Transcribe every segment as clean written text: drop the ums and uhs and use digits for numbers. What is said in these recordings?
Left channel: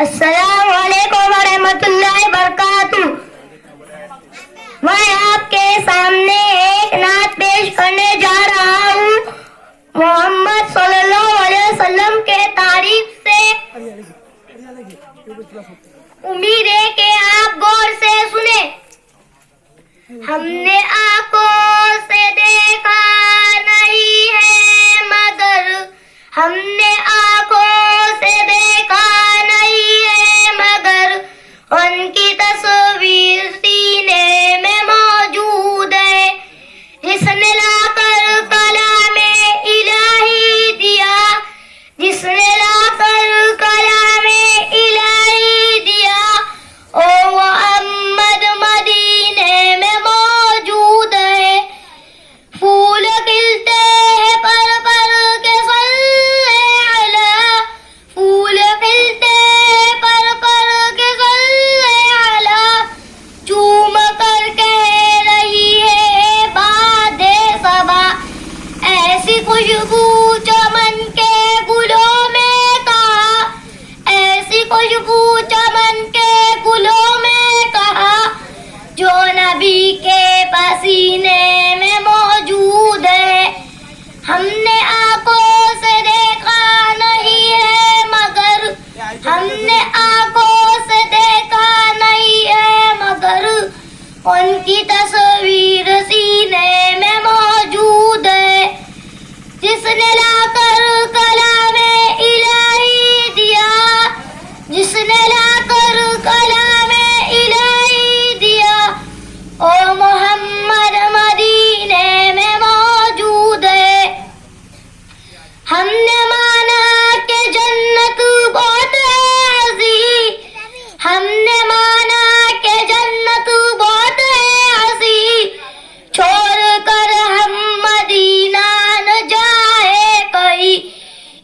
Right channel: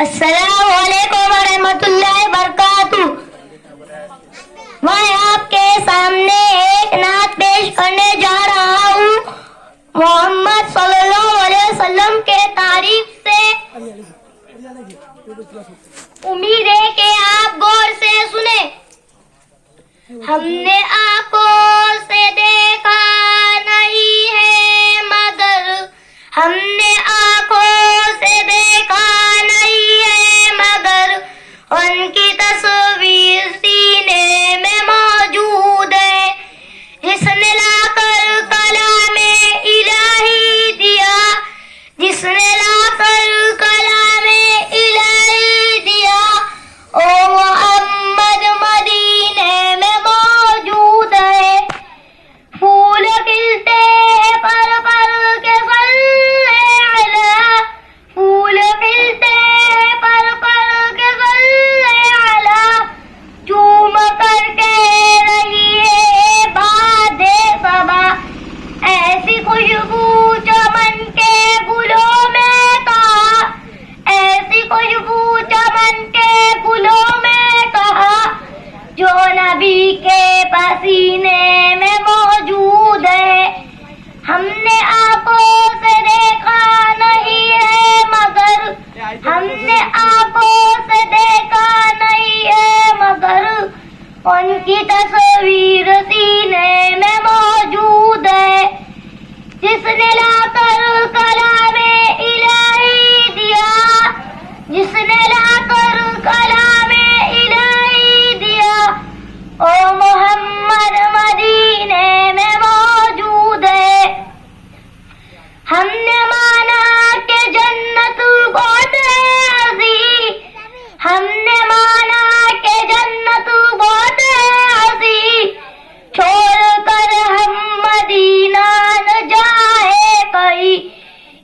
السلام علیکم ورحمۃ اللہ وبرکاتہ۔ میں آپ کے سامنے ایک نعت پیش کرنے جا رہا ہوں محمد صلی اللہ علیہ وسلم کے تعریف سے۔ امید ہے کہ آپ غور سے سنیں۔ ہم نے آنکھوں سے دیکھا نہیں ہے مگر، ہم نے آنکھوں سے دیکھا نہیں ہے مگر، ان کی تصویر سینے میں موجود ہے۔ جس نے لا کر کلام الہی دیا، جس نے لا کر کلام الہی دیا، او محمد مدینے میں موجود ہے۔ پھول کھلتے ہیں پر پر کے صلی علی، پھول کھلتے ہیں پر پر کے صلی علی، چوم کر کہہ رہی ہے باد صبا، ایسی خوشبو چمن کے گلوں میں کہا، ایسی خوشبو چمن کے گلوں میں کہا، جو نبی کے پسینے میں موجود ہے۔ ہم نے آنکھوں سے دیکھا نہیں ہے مگر، ہم نے آنکھوں سے دیکھا نہیں ہے مگر، ان کی تصویر سینے میں موجود ہے۔ جس نے لا کر کلام الہی دیا، جس نے لا کر کلام الہی دیا، او محمد مدینے میں موجود ہے۔ ہم نے مانا کہ جنت بہت ہے عزیز، ہم نے مانا کہ جنت بہت ہے عزیز، چھوڑ کر ہم مدینہ نہ جائے کہیں،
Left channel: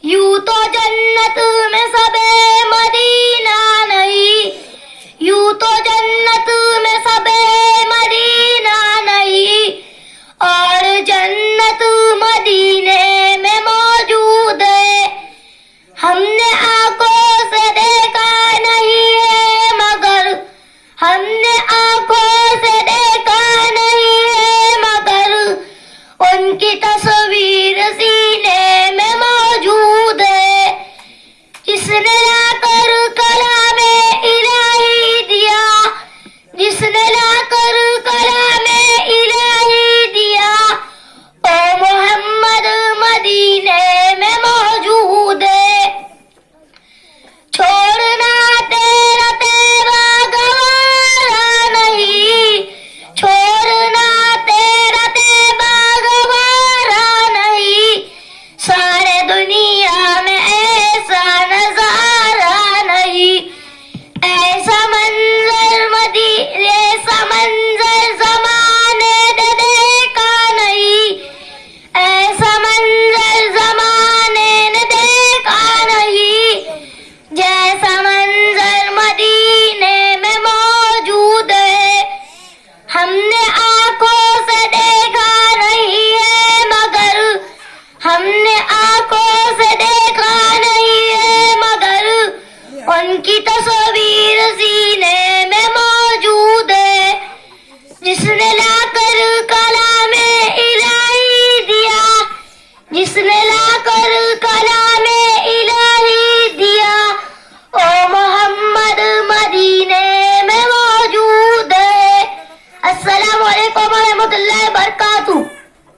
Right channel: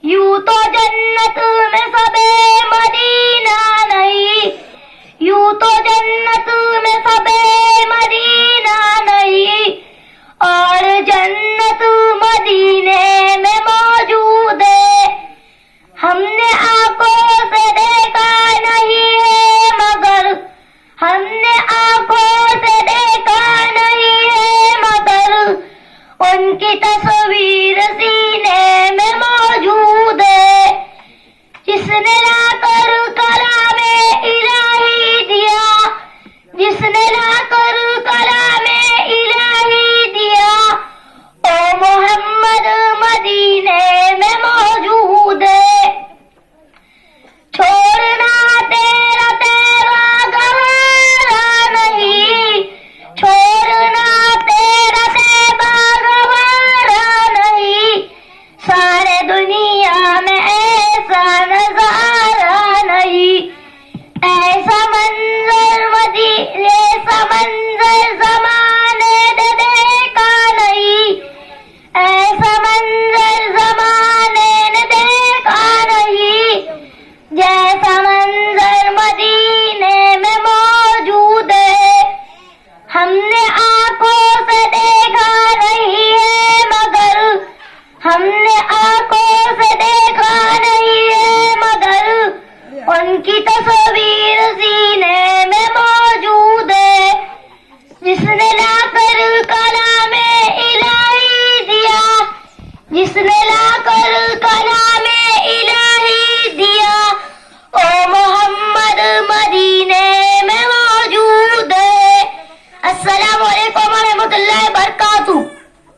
یوں تو جنت میں سب مدینہ نہیں، یوں تو جنت میں سب مدینہ نہیں، اور جنت مدینے میں موجود ہے۔ ہم نے آنکھوں سے دیکھا نہیں ہے مگر، ہم نے آنکھوں سے دیکھا نہیں ہے مگر، ان کی تصویر سینے میں موجود ہے۔ جس نے لا کر کلام الہی دیا، جس نے لا کر کلام الہی دیا، او محمد مدینے میں موجود ہے۔ چھوڑنا تیرا تیرا گوارا نہیں، چھوڑنا تیرا تیرا گوارا نہیں، سارے دنیا میں ایسا نظارہ نہیں، ایسا منظر ایسا منظر زمانے نے دیکھا نہیں، ایسا منظر زمانے نے دیکھا نہیں، جیسا منظر مدینے میں موجود ہے۔ ہم نے آنکھوں سے دیکھا نہیں ہے مگر، ہم نے آنکھوں سے دیکھا نہیں ہے مگر، ان کی تصویر سینے میں موجود ہے۔ جس نے لا کر کلام الہی دیا، جس نے لا کر کلام الہی دیا، او محمد مدینے میں موجود ہے۔ السلام علیکم ورحمۃ اللہ وبرکاتہ۔